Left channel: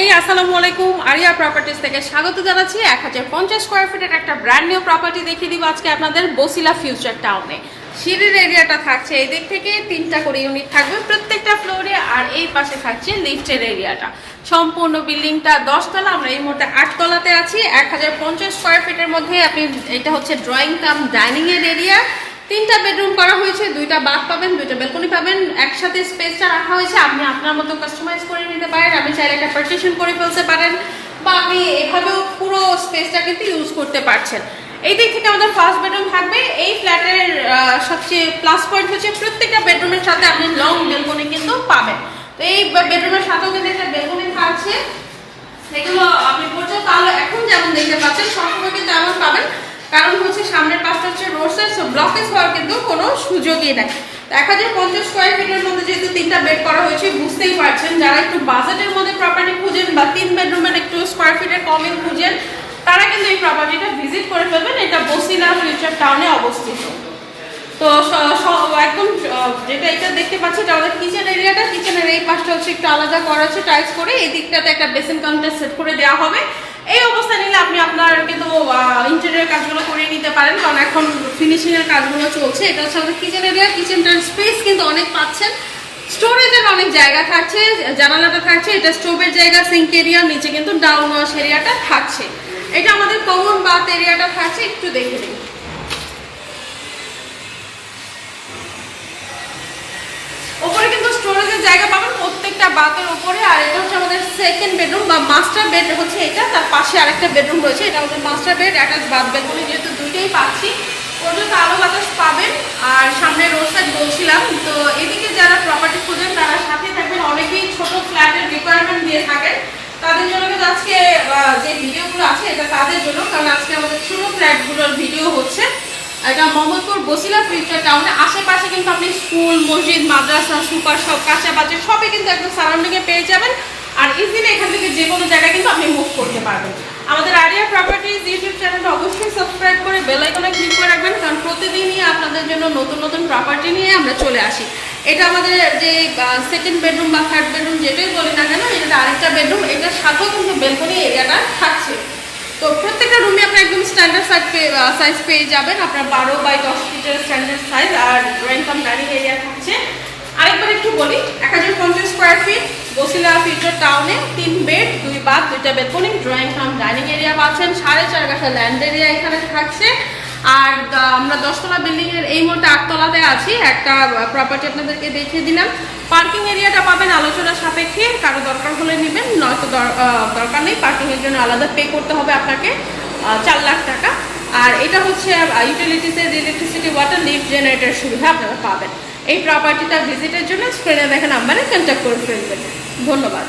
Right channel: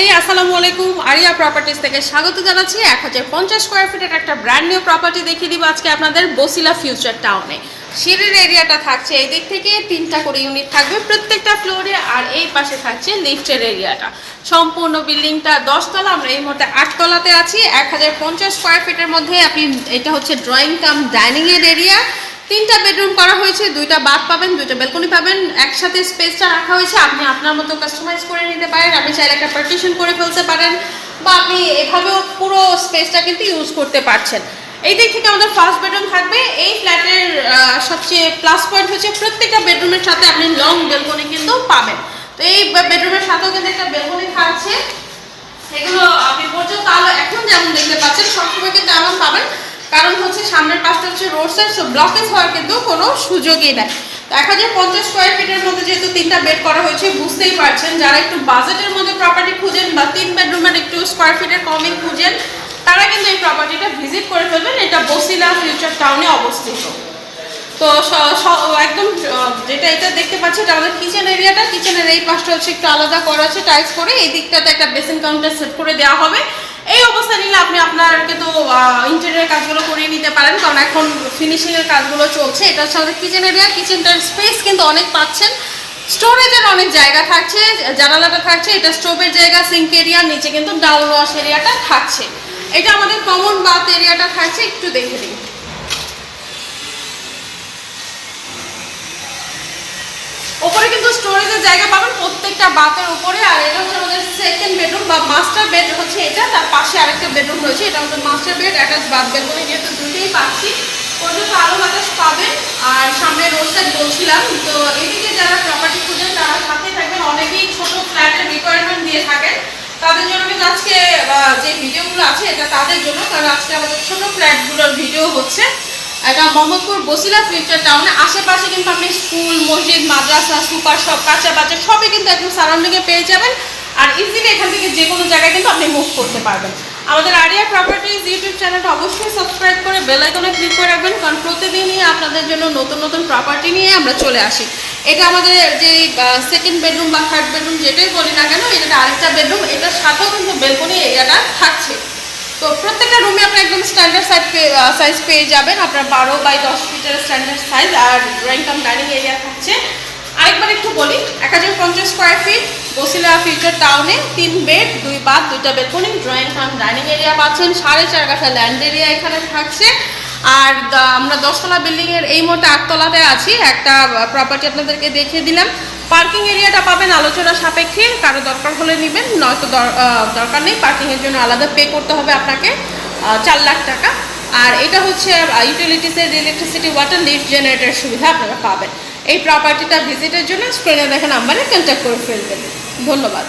এই আসসালামু আলাইকুম, আরিয়া প্রপার্টিজ থেকে স্বাগত জানাচ্ছি। 1050 স্কোয়ার ফিটের একটা ব্র্যান্ড নিউ প্রপার্টি দেখিয়ে দিব আজকে আপনাদের বসিলা ফিউচার টাউনে। সিঁড়ির এরিয়াটা থাকছে এই দিক থেকে 3টা করে ইউনিট থাকবে প্রত্যেকটা ফ্লোরে, আর এই পাশে থাকছে লিফটের এরিয়াটা। সম্পূর্ণ বিল্ডিংটা 10 তলা, আমরা এই মুহূর্তে 8 তলাতে আছি। 1050 স্কোয়ার ফিটের মধ্যে আপনি, এটা হচ্ছে ড্রয়িং কাম ডাইনিং এর এরিয়া। 3টা বেডরুম করা হয়েছে, 2টা বাথ পাবেন, 2টা ব্যালকনি পাবেন। একসাথে স্পেসটা রাখা হয়েছে, আপনি আপনার মতো কাস্টমাইজ করে নিতে পারেন। আপনি চাইলে একটা পার্টিশন করে ফেলতে পারেন, বা আপনি এভাবেও পুরো স্পেসটা কিন্তু ইউজ করতে পারছেন। এই দিক থেকে আমাদের ফার্স্ট বেডরুম থাকবে। এই ফ্ল্যাটের সবচেয়ে প্লাস পয়েন্ট হচ্ছে প্রত্যেকটা বেডরুমের সাথে আপনি লং ব্যালকনি কিন্তু পাবেন। তো এই বেডরুমের সাথেও কিন্তু একটা ব্যালকনি থাকছে। এগুলো আপনি পর্যন্ত আলো এখন যেমন দেখতে পাচ্ছেন সবসময় কিন্তু এমন পাবেন, কারণ হচ্ছে সামনের পাশটা হচ্ছে রোড সাইড, সো ব্লকেজ হওয়ার কিন্তু কোনো সুযোগই নেই। 1050 স্কোয়ার ফিটের মধ্যে যেহেতু 3টা বেড করা হয়েছে, বুঝতেই পারছেন যারা একটু বাজেটের মধ্যে প্রপার্টি খুঁজেন বা 3 বেডরুমের একটু স্কোয়ার ফিটের কমে খুঁজেন, তারা কিন্তু এই প্রপার্টিটা ভিজিট করে ফেলবেন। এটা বসিলা ফিউচার টাউনে অবস্থিত। তো একদম যেটা এটা দেখতে পাচ্ছি এটা আমাদের কিচেন এরিয়াটা। কিচেনের এই পাশটা হচ্ছে একটু আলাদা করা আছে টাইলস করে, এই দিকটাতে একটা বেসিন কাউন্টার সেট করে দেওয়া হবে। এই অবস্থা নিলে আপনি আপনার কিন্তু ইন্টেরিয়র কাজগুলো করিয়ে নিতে পারেন, কারণ এখন ফিনিশিংয়ের কাজগুলো চলছে। এটা হচ্ছে আমাদের কিচেন এরিয়া। কিচেনটার স্পেস কিন্তু অনেক পাচ্ছেন, স্টোরেজের অনেক জায়গা থাকছে, জানালাটা থাকছে, এটা স্টোভের জায়গা, সিঙ্ক এরিয়া, নিচে কিন্তু ডাউন ওয়াশ এরিয়াটা থাকছে। এটা আমাদের কমন বাথ এরিয়াটা থাকছে, একটু দেখে নিন। উপরে কিন্তু স্টোরেজের জায়গা পাবেন প্রত্যেকটা বাথের উপরে। আর এটা হচ্ছে আমাদের সেকেন্ড বেডরুম বা মাস্টার বেড হচ্ছে এটা, তার পাশে আরেকটা বেডরুম রয়েছে। এটা আমাদের master bed, attach bath bedroom, যেহেতু দুইটাই পাচ্ছি পর্যন্ত আলো বাতাস পাবেন। আর সামনে রোড সাইড বলছিলাম, তো এদিকে যারা প্রপার্টি খুঁজেন তারা সাথে থাকবেন। অনেকেই ছোট ফ্ল্যাটের রিকোয়ারমেন্ট দিয়ে থাকেন, তাদের জন্য কিন্তু আজকে যে ভিডিওগুলো আছে এটা তাদের জন্য, কারণ আজকে আমাদের ছোট ফ্ল্যাটগুলোর ভিডিও হচ্ছে। এটা মোহাম্মদপুর বসিলা ফিউচার টাউনে। আশেপাশে কিন্তু আপনি স্কুল, মসজিদ, মাদ্রাসা, সুপার শপ, কাঁচা বাজার সবই কিন্তু একদম সারাউন্ডিংয়ে পেয়ে যাবেন। আর ইজিলি এখান থেকে যে কোনো জায়গায় কিন্তু আপনি মুভ করতে পারবেন। আমাদের আরিয়া প্রপার্টিজ ইউটিউব চ্যানেলটা অবশ্যই সাবস্ক্রাইব করে বেল আইকনে ক্লিক করে রাখবেন, কারণ প্রতিদিনই আপনাদের জন্য নতুন নতুন প্রপার্টি নিয়ে আমরা চলে আসি। এটা আমাদের যে সেকেন্ড বেডরুম বা থার্ড বেডরুম যেটাই বলি না কেন, এটা আরেকটা বেডরুম। এটার সাথেও কিন্তু বেলকনি এরিয়াটা থাকছে। তো প্রত্যেকটা রুমে আপনার একদম স্ট্যান্ডার্ড সাইজ পেয়ে যাবেন, আপনার 12 বাই 10 ফিটের স্ট্যান্ডার্ড সাইজ। আর ড্রয়িং কাম ডাইনিং এরিয়া থাকছে। আরেকবার একটু বলি, 1050 স্কোয়ার ফিট বসিলা ফিউচার টাউনে, 3 বেড, 2 বাথ, 2টা bedroom, drawing cum dining area পাচ্ছেন। 4.5 কাঠা ল্যান্ড এরিয়া এখানে থাকছে। আর আমরা 10 তলা বিল্ডিংয়ের এই মুহূর্তে 8 তলাতে আছি। একটা প্রপার্টি আপনাদেরকে দেখিয়ে দিলাম। পার্কিং এরিয়াটা পাবেন আলোচনা সাপেক্ষে, কারো দরকার হলে নেবেন, নয়তো দরকার নেই। পার্কিংয়ের জন্য আলাদা পে করতে হবে আপনাকে 4 লাখ টাকা। আর এটা হচ্ছে ইউটিলিটিসের ইলেকট্রিসিটি, ওয়াটার, লিফট, জেনারেটর সুবিধা আপনারা পাবেন। এই প্রপার্টিটা ভিজিটের জন্য স্ক্রিনে দেখা নাম্বারে কন্ট্যাক্ট করে ফেলবেন। ধন্যবাদ।